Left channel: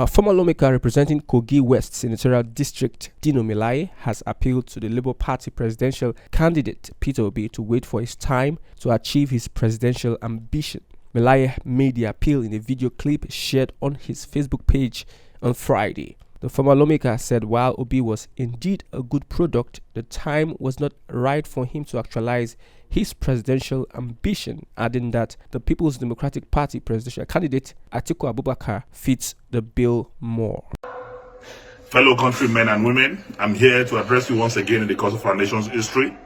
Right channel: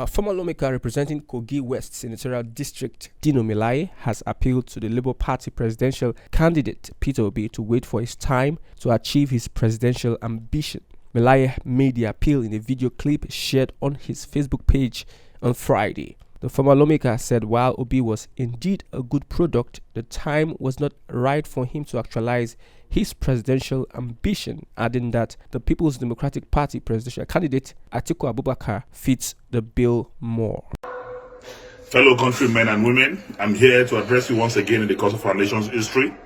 A former lawmaker representing Kogi West Senatorial District, Dino Melaye, has appealed to the Labour Party presidential candidate Peter Obi to wait for his time to achieve his presidential ambition. Melaye made the appeal in a video clip shared on his Facebook page on Friday. The former lawmaker said while Obi was indeed a good product, the time was not right for him to actualize his presidential ambition, adding that the People's Democratic Party presidential candidate Atiku Abubakar fits the bill more. Fellow countrymen and women, I'm here to address you once again in the course of our nation's history.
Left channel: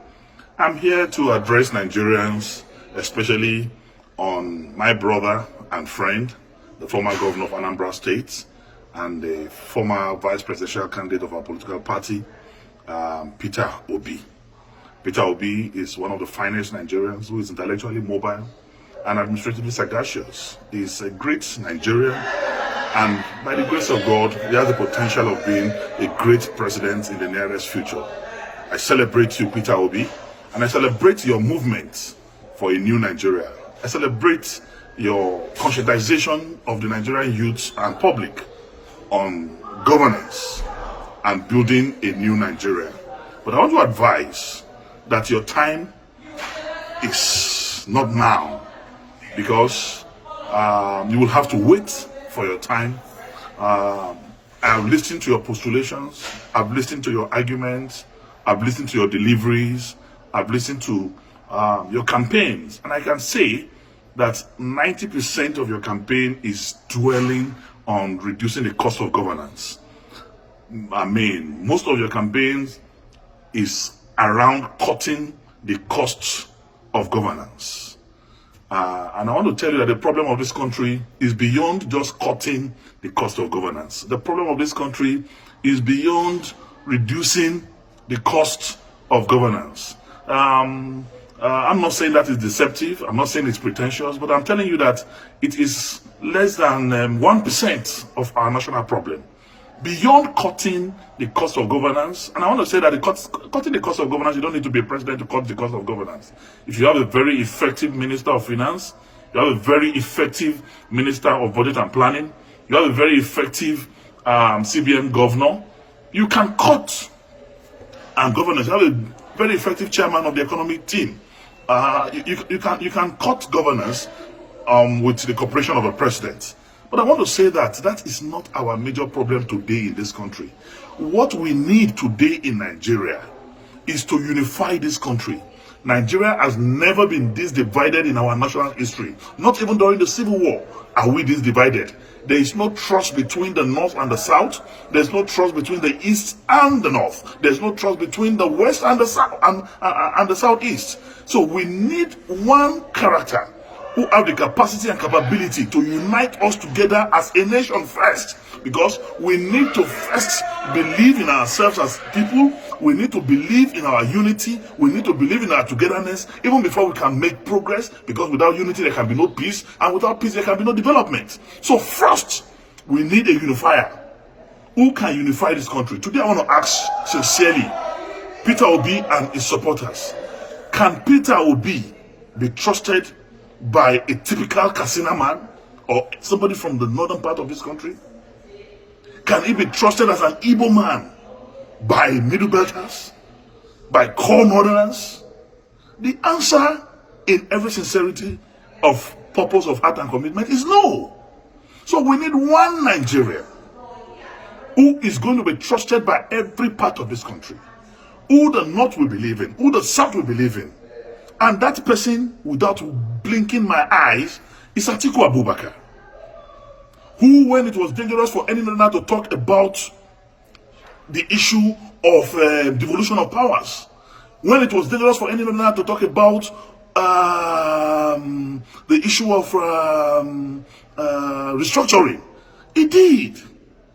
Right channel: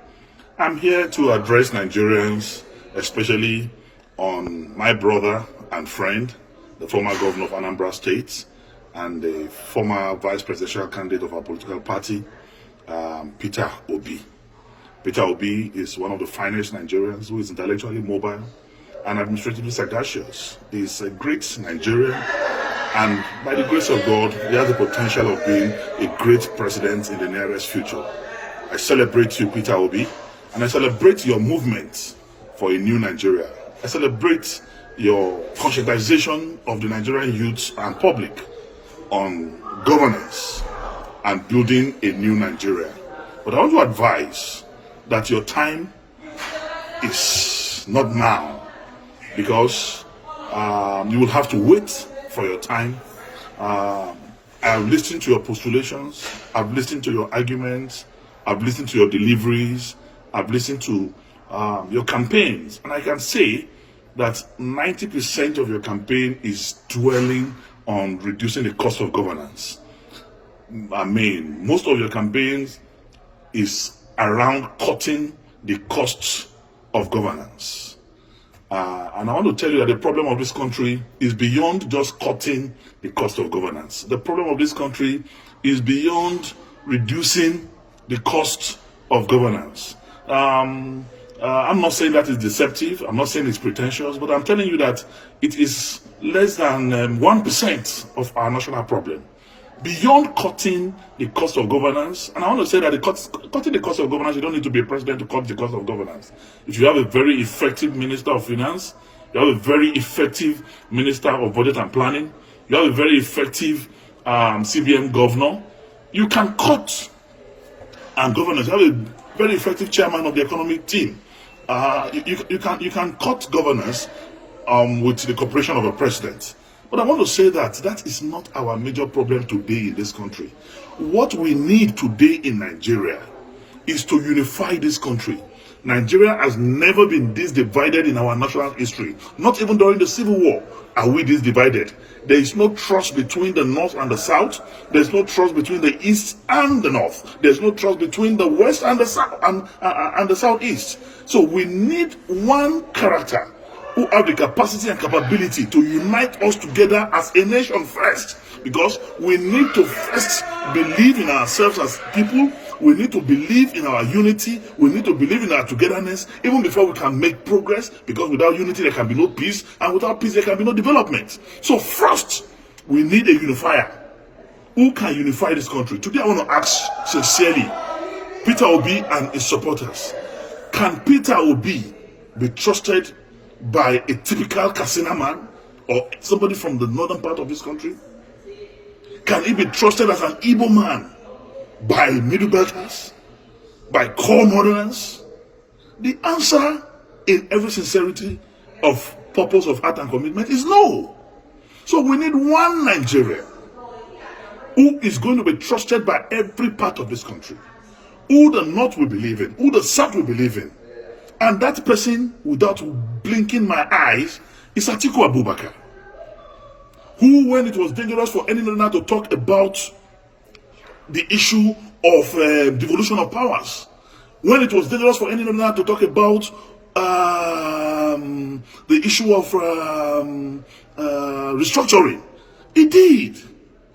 I'm here to address Nigerians, especially on my brother and friend, the former governor of Anambra State, and the former vice presidential candidate of our political party, Peter Obi. Peter Obi is one of the finest Nigerians who is intellectually mobile and administratively sagacious. He's a great Nigerian, and by the grace of God, he has the potential of being a great president in the nearest future. I celebrate you, Peter Obi, and I celebrate your movement for a new Nigeria. I celebrate your conscientization of the Nigerian youth and public on governance and building a new Nigeria. But I want to advise that your time is not now, because you will have to wait for your time. I've listened to your postulations, I've listened to your arguments, I've listened to your deliveries, I've listened to your campaigns, and I can say that 90% of your campaign is dwelling on reducing the cost of governance. I mean, most of your campaigns is around cutting the costs of governance. And I want to tell you that the problem of this country is beyond just cutting the cost of governance. The problem of this country is beyond reducing the cost of governance. I'm not saying that it's deceptive, I'm not saying it's pretentious, but I'm telling you that it is less than 1% of our national problem. Beyond cutting the cost of governance, and I want to say that cutting the cost of governance, you don't need to be a president to cut the cost of governance. If you have a very effective Minister of Finance, you have a very effective Minister of Budget and Planning, you have a very effective CBN governor, you can cut governance. You have a very effective chairman of the economic team. You can cut governance with the cooperation of a president. But I want to say that that is not our major problem today in this country. What we need today in Nigeria is to unify this country. Nigeria has never been this divided in our national history. Not even during the Civil War are we this divided. There is no trust between the North and the South. There's no trust between the East and the North. There's no trust between the West and the South and the Southeast. So we need one character who have the capacity and capability to unite us together as a nation first. Because we need to first believe in ourselves as people. We need to believe in our unity. We need to believe in our togetherness, even before we can make progress. Because without unity, there can be no peace. And without peace, there can be no development. So first, we need a unifier. Who can unify this country? Today, I want to ask sincerely, Peter Obi and his supporters, can Peter Obi be trusted by a typical Katsina man or somebody from the northern part of this country? Can he be trusted as an Igbo man by Middle Belters, by core Northerners? The answer, in every sincerity of purpose of heart and commitment, is no. So we need one Nigeria who is going to be trusted by every part of this country, who the North will believe in, who the South will believe in. And that person, without blinking my eyes, is Atiku Abubakar, who, when it was dangerous for any Northerner to talk about the issue of devolution of powers, when it was dangerous for any Northerner to talk about the issue of restructuring, he did,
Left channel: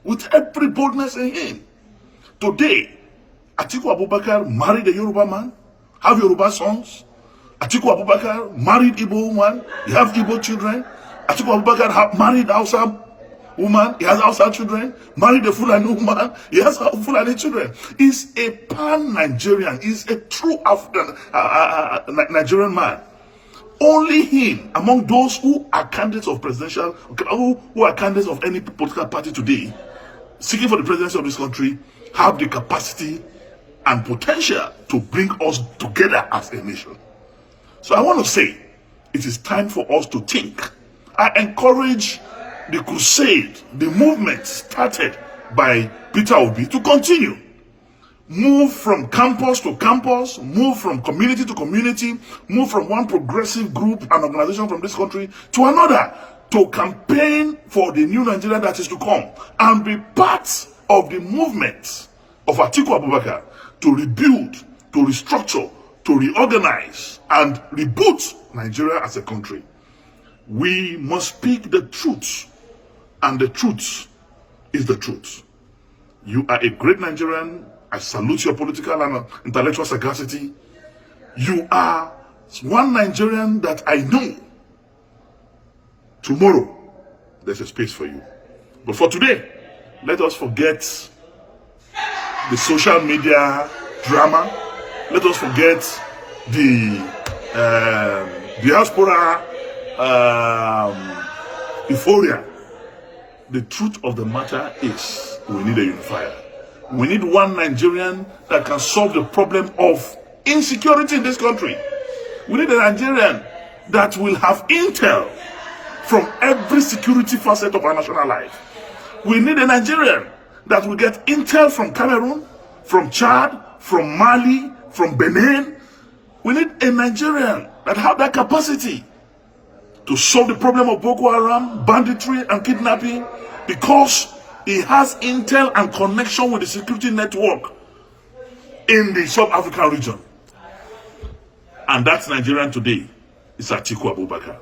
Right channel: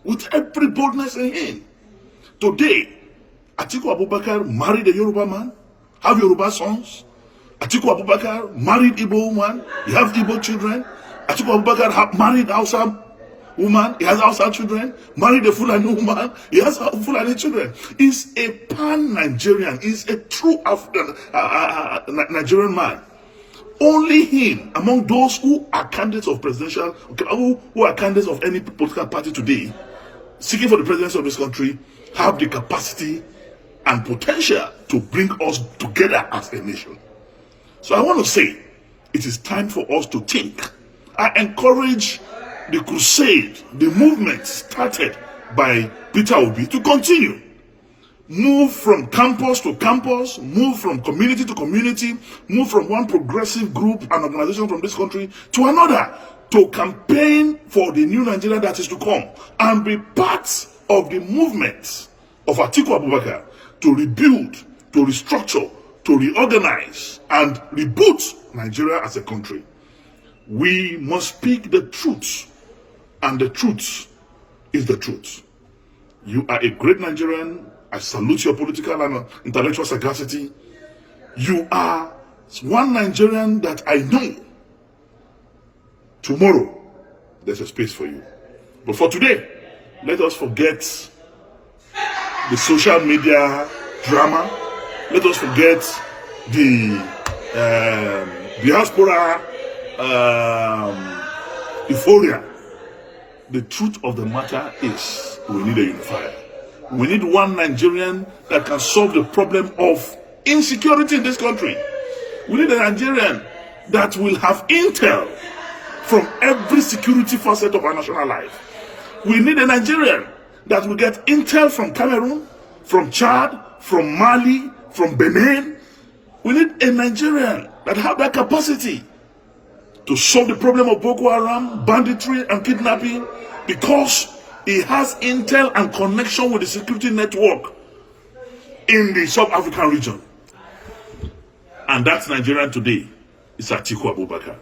with every boldness in him. Today, Atiku Abubakar married a Yoruba man, have Yoruba sons. Atiku Abubakar married Igbo woman, he has Igbo children. Atiku Abubakar married Hausa woman, he has Hausa children. Married a Fulani woman, he has Fulani children. He's a pan-Nigerian, he's a true African Nigerian man. Only him, among those who are candidates of presidential, who are candidates of any political party today, seeking for the presidency of this country, have the capacity and potential to bring us together as a nation. So I want to say, it is time for us to think. I encourage the crusade, the movement started by Peter Obi to continue. Move from campus to campus, move from community to community, move from one progressive group and organization from this country to another, to campaign for the new Nigeria that is to come, and be part of the movement of Atiku Abubakar to rebuild, to restructure, to reorganize, and reboot Nigeria as a country. We must speak the truth, and the truth is the truth. You are a great Nigerian. I salute your political and intellectual sagacity. You are one Nigerian that I know. Tomorrow, there's a space for you. But for today, let us forget the social media drama. Let us forget the diaspora euphoria. The truth of the matter is we need a unifier. We need one Nigerian that can solve the problem of insecurity in this country. We need a Nigerian that will have intel from every security facet of our national life. We need a Nigerian that will get intel from Cameroon, from Chad, from Mali, from Benin. We need a Nigerian that have that capacity to solve the problem of Boko Haram, banditry, and kidnapping, because he has intel and connection with the security network in the South African region. And that's Nigerian today. It's Atiku Abubakar.